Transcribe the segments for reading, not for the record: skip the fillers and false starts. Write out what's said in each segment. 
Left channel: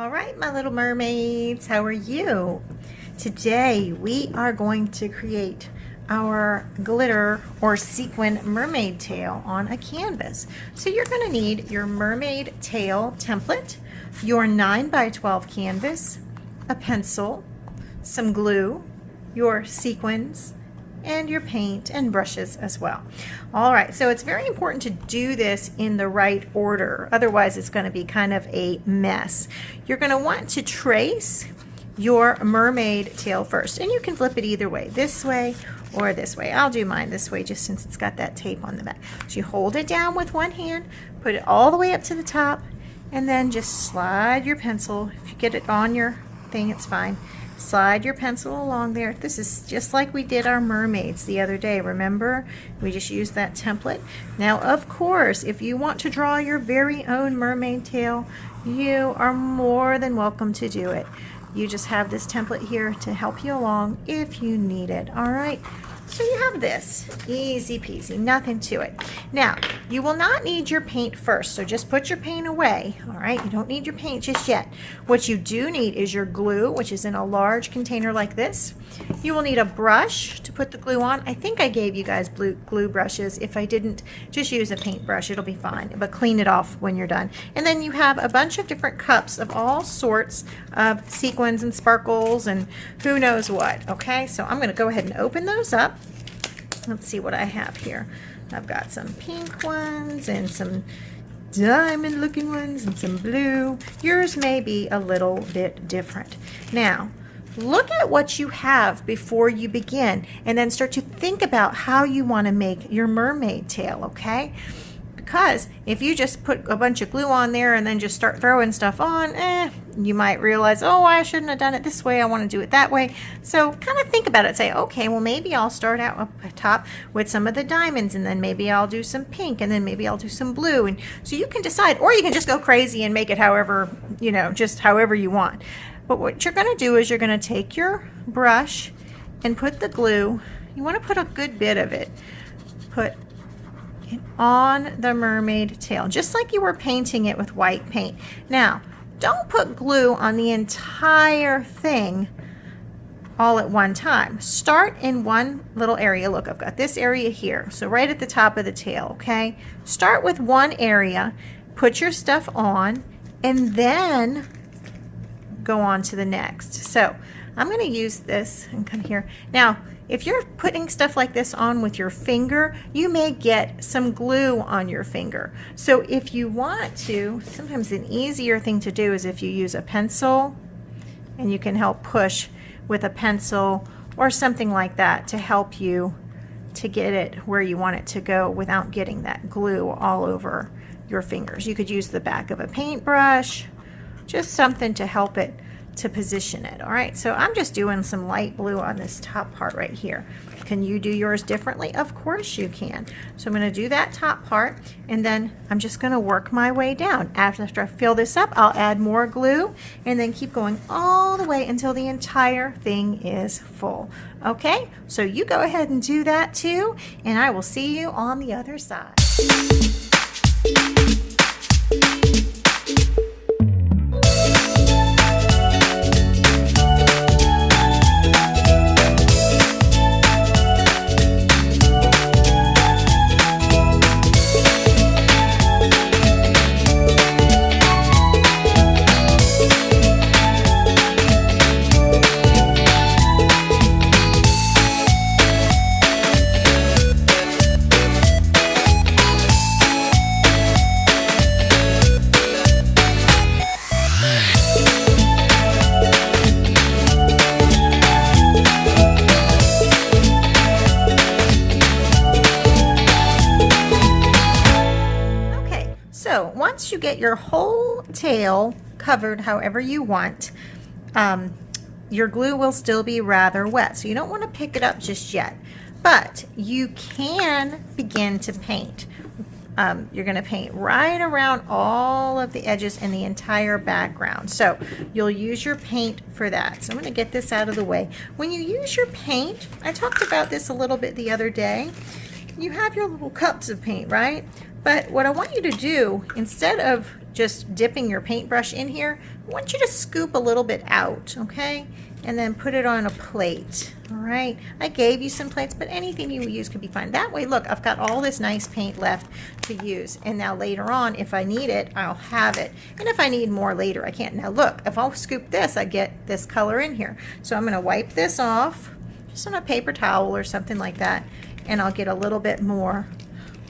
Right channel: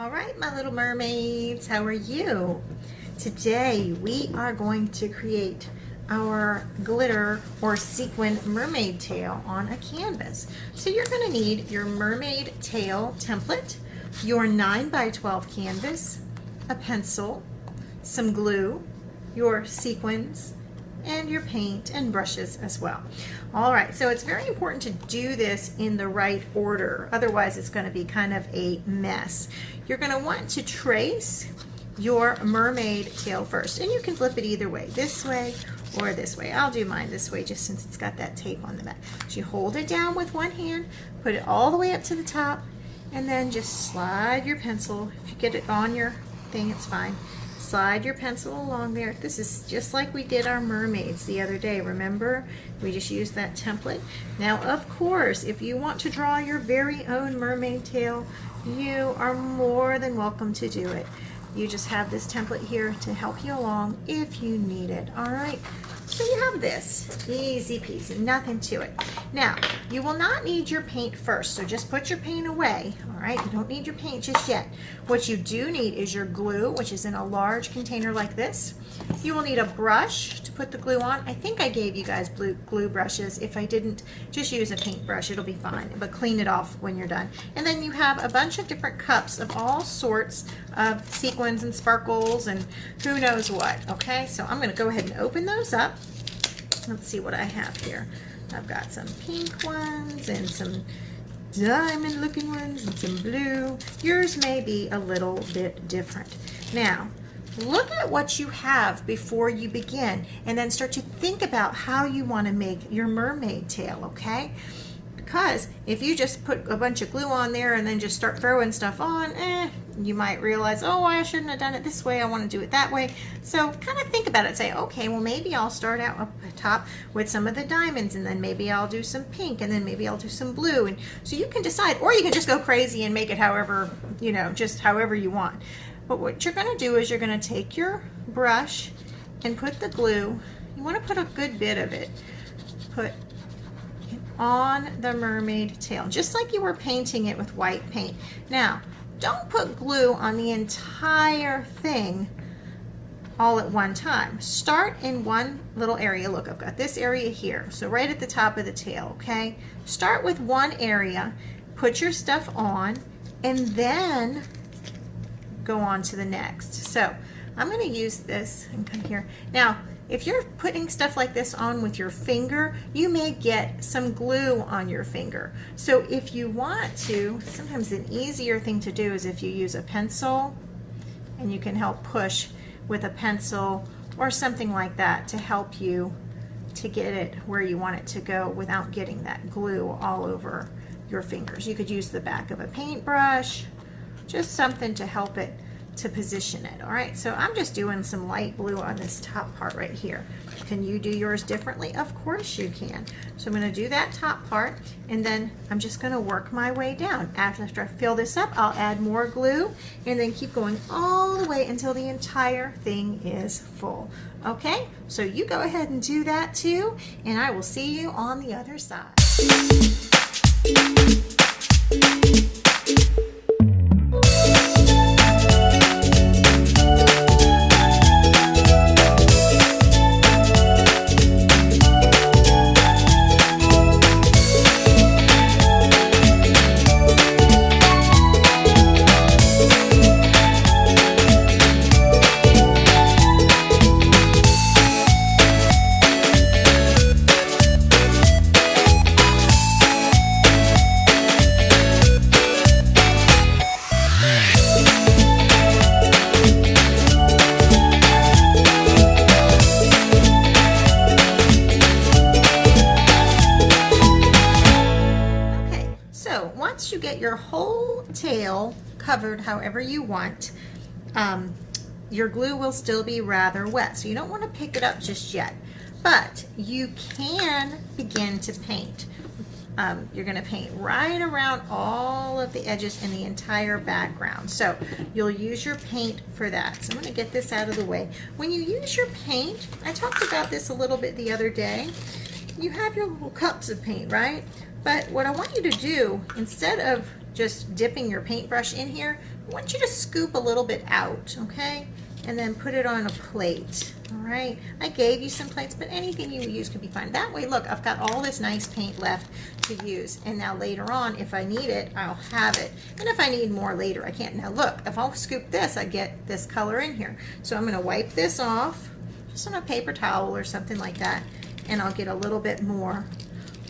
All right, my little mermaids, how are you? Today we are going to create our glitter or sequin mermaid tail on a canvas. So you're going to need your mermaid tail template, your 9x12 canvas, a pencil, some glue, your sequins, and your paint and brushes as well. All right, so it's very important to do this in the right order. Otherwise, it's going to be kind of a mess. You're going to want to trace your mermaid tail first, and you can flip it either way, this way or this way. I'll do mine this way just since it's got that tape on the back. So you hold it down with one hand, put it all the way up to the top, and then just slide your pencil. If you get it on your thing, it's fine. Slide your pencil along there. This is just like we did our mermaids the other day. Remember, we just used that template. Now, of course, if you want to draw your very own mermaid tail, you are more than welcome to do it. You just have this template here to help you along if you need it. All right, so you have this, easy peasy, nothing to it. Now, you will not need your paint first, so just put your paint away. All right, you don't need your paint just yet. What you do need is your glue, which is in a large container like this. You will need a brush to put the glue on. I think I gave you guys glue brushes. If I didn't, just use a paintbrush, it'll be fine, but clean it off when you're done. And then you have a bunch of different cups of all sorts of sequins and sparkles and who knows what. Okay, so I'm going to go ahead and open those up. Let's see what I have here. I've got some pink ones and some diamond looking ones and some blue. Yours may be a little bit different. Now, look at what you have before you begin and then start to think about how you want to make your mermaid tail, okay? Because if you just put a bunch of glue on there and then just start throwing stuff on, you might realize, oh, I shouldn't have done it this way, I want to do it that way. So kind of think about it. Say, okay, well, maybe I'll start out up top with some of the diamonds, and then maybe I'll do some pink, and then maybe I'll do some blue. And so you can decide, or you can just go crazy and make it however, you know, just however you want. But what you're going to do is you're going to take your brush and put the glue. You want to put a good bit of it. Put on the mermaid tail, just like you were painting it with white paint. Now, don't put glue on the entire thing all at one time. Start in one little area. Look, I've got this area here, so right at the top of the tail, okay? Start with one area, put your stuff on, and then go on to the next. So I'm going to use this and come here. Now, if you're putting stuff like this on with your finger, you may get some glue on your finger. So if you want to, sometimes an easier thing to do is if you use a pencil, and you can help push with a pencil or something like that to help you to get it where you want it to go without getting that glue all over your fingers. You could use the back of a paintbrush, just something to help it to position it. All right, so I'm just doing some light blue on this top part right here. Can you do yours differently? Of course you can. So I'm going to do that top part, and then I'm just going to work my way down. After I fill this up, I'll add more glue and then keep going all the way until the entire thing is full. Okay, so you go ahead and do that too, and I will see you on the other side. Once you get your whole tail covered however you want, your glue will still be rather wet, so you don't want to pick it up just yet, but you can begin to paint. You're going to paint right around all of the edges and the entire background, so you'll use your paint for that. So I'm going to get this out of the way. When you use your paint, I talked about this a little bit the other day, you have your little cups of paint, right? But what I want you to do, instead of just dipping your paintbrush in here, I want you to scoop a little bit out, okay? And then put it on a plate, all right? I gave you some plates, but anything you use can be fine. That way, look, I've got all this nice paint left to use. And now later on, if I need it, I'll have it. And if I need more later, I can't. Now look, if I'll scoop this, I get this color in here. So I'm gonna wipe this off, just on a paper towel or something like that, and I'll get a little bit more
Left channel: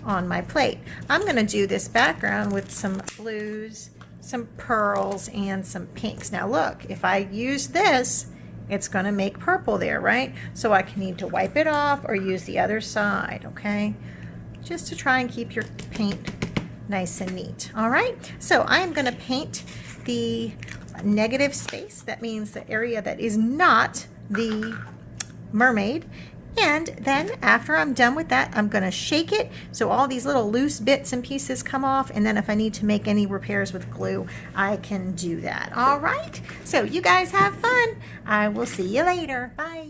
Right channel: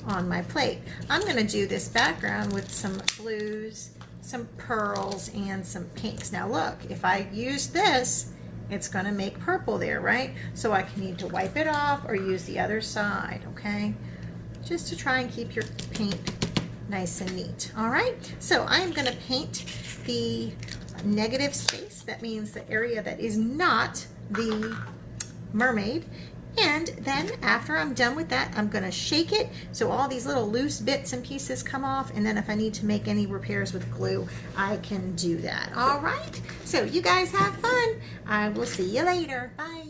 on my plate. I'm gonna do this background with some blues, some pearls, and some pinks. Now look, if I use this, it's gonna make purple there, right? So I can need to wipe it off or use the other side, okay? Just to try and keep your paint nice and neat, all right? So I am gonna paint the negative space. That means the area that is not the mermaid. And then after I'm done with that, I'm gonna shake it so all these little loose bits and pieces come off, and then if I need to make any repairs with glue, I can do that. All right, so you guys have fun. I will see you later. Bye.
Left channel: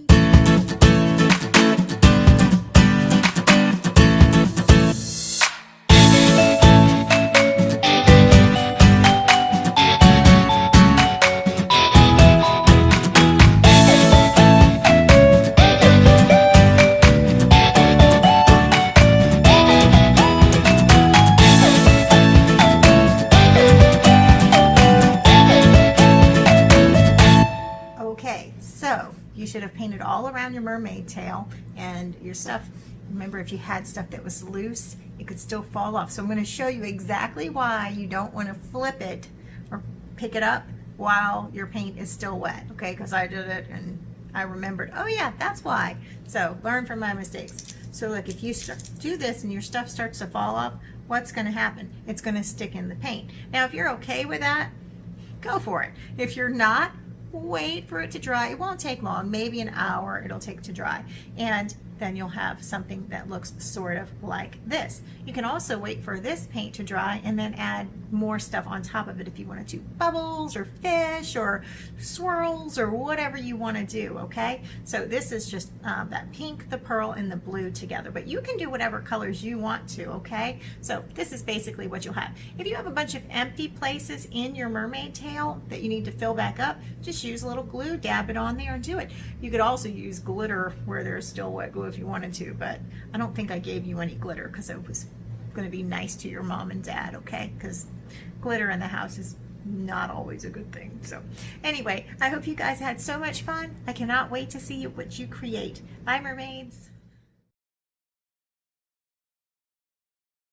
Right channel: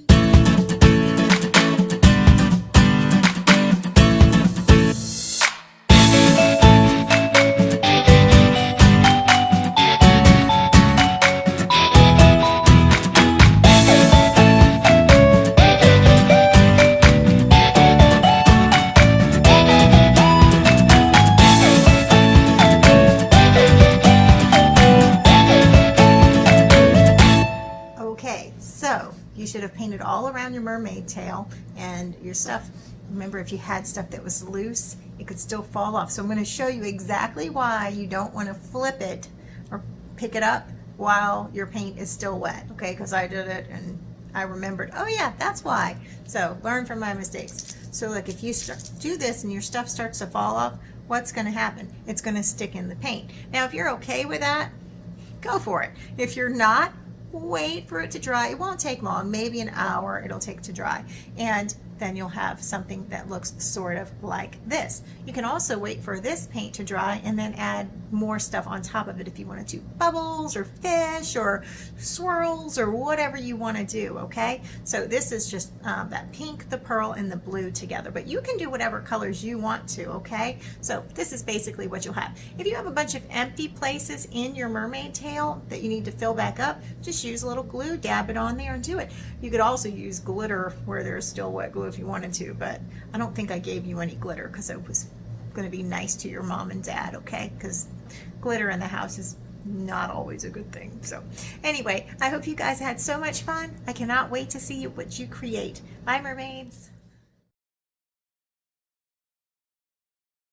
Okay, so you should have painted all around your mermaid tail, and your stuff, remember, if you had stuff that was loose, it could still fall off. So I'm going to show you exactly why you don't want to flip it or pick it up while your paint is still wet, okay? Because I did it and I remembered, oh yeah, that's why. So learn from my mistakes. So look, if you do this and your stuff starts to fall off, what's going to happen? It's going to stick in the paint. Now, if you're okay with that, go for it. If you're not, wait for it to dry. It won't take long, maybe an hour it'll take to dry, and then you'll have something that looks sort of like this. You can also wait for this paint to dry and then add more stuff on top of it if you want to do bubbles or fish or swirls or whatever you want to do, okay? So this is just that pink, the pearl, and the blue together, but you can do whatever colors you want to, okay? So this is basically what you'll have. If you have a bunch of empty places in your mermaid tail that you need to fill back up, just use a little glue, dab it on there, and do it. You could also use glitter where there's still wet glue if you wanted to, but I don't think I gave you any glitter because it was going to be nice to your mom and dad, okay? Because glitter in the house is not always a good thing. So anyway, I hope you guys had so much fun. I cannot wait to see what you create. Bye, mermaids.